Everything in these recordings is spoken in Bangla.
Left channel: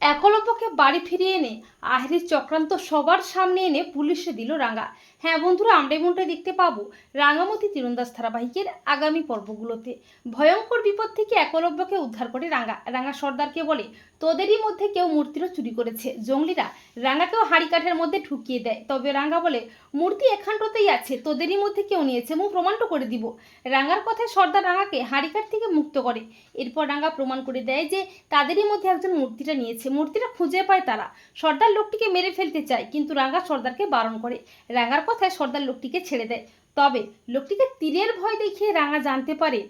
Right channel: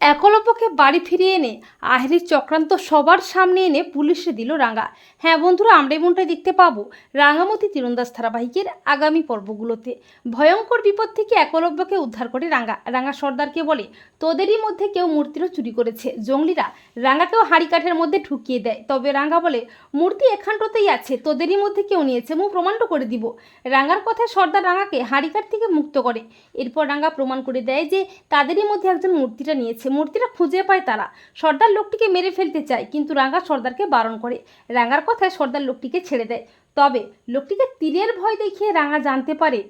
একলব্যকে বাড়ি ফিরিয়ে এনে আহেরির চক্রান্ত সবার সামনে এনে পুলিশে দিল রাঙা। হ্যাঁ বন্ধুরা আমরা এমনটাই দেখতে পাবো রাঙামতি তীরন্দাজ ধারাবাহিকের আগামী পর্বগুলোতে। ভয়ঙ্কর বিপদ থেকে একলব্যকে উদ্ধার করে রাঙা। রাঙা সর্দারকে বলে, তোদেরই মধ্যে কেউ মূর্তিরও চুরি করেছে। জঙ্গলিরা রাঙাকেও কাঠের মধ্যে ঢুকিয়ে দেয়। তবে রাঙা বলে, মূর্তি এখানটাতেই আছে। তোদেরই মধ্যে কেউ নিয়েছে। মু প্রমাণটা করে দিব। রাঙার কথায় সর্দার রাঙাকে হাড়িকাঠ থেকে মুক্ত করে। এরপর রাঙা প্রমাণ করে দেয় যে, তাদেরই মধ্যে একজন মূর্তিটা নিয়েছে। মূর্তিটা খুঁজে পায় তারা। সর্দার লোকটিকে মেরে ফেলতে চায়, কিন্তু রাঙা সর্দারকে বারণ করে। রাঙার কথায় সর্দার লোকটিকে ছেড়ে দেয়। তবে লোকটিকে তীরের ভয় দেখিয়ে রাঙা জানতে পারে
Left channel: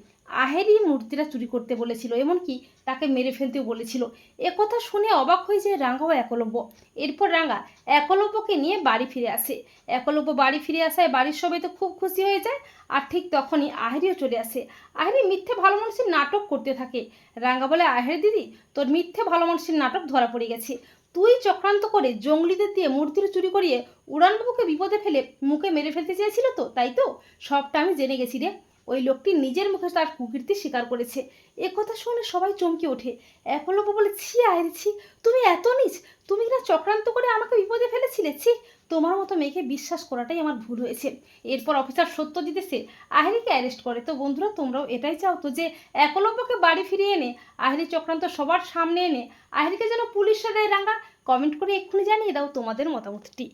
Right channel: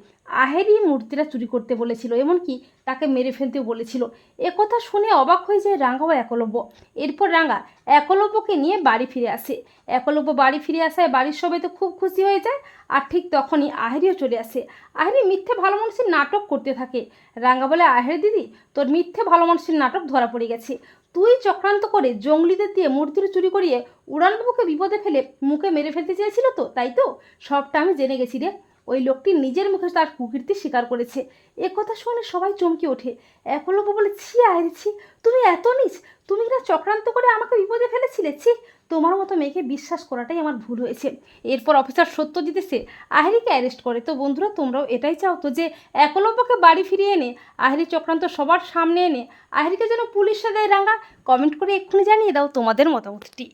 আহেরি মূর্তিটা চুরি করতে বলেছিল, এমনকি তাকে মেরে ফেলতেও বলেছিল। একথা শুনে অবাক হয়ে যায় রাঙা ও একলব্য। এরপর রাঙা একলব্যকে নিয়ে বাড়ি ফিরে আসে। একলব্য বাড়ি ফিরে আসায় বাড়ির সবাই তো খুব খুশি হয়ে যায়, আর ঠিক তখনই আহেরিও চলে আসে। আহেরি মিথ্যে ভালো মানুষের নাটক করতে থাকে। রাঙা বলে, আহের দিদি, তোর মিথ্যে ভালো মানুষের নাটক ধরা পড়ে গেছে। তুই চক্রান্ত করে জঙ্গলিদের দিয়ে মূর্তির চুরি করিয়ে উড়ানবাবুকে বিপদে ফেলে মুখে মেরে ফেলতে চেয়েছিল তো, তাই তো? সবটা আমি জেনে গেছি রে। ওই লোকটি নিজের মুখে তার কুকীর্তি স্বীকার করেছে। এ কথা শুনে সবাই চমকে ওঠে। একলব্য বলে, ছি আয়ের ছি, তুমি এত নিচ, তুমি কিনা চক্রান্ত করে আমাকে বিপদে ফেলেছিলে? ছি, তোমার মতো মেয়েকে বিশ্বাস করাটাই আমার ভুল হয়েছে। এরপর অফিসার সত্যজিৎ এসে আহেরিকে অ্যারেস্ট করে। তো বন্ধুরা, তোমরাও এটাই চাও তো যে একলব্যকে বাড়ি ফিরিয়ে এনে, আহেরি চক্রান্ত সবার সামনে এনে, আহেরিকে যেন পুলিশে দেয় রাঙা কমেন্ট করে এক্ষুনি জানিয়ে দাও তোমাদের মতামতটি।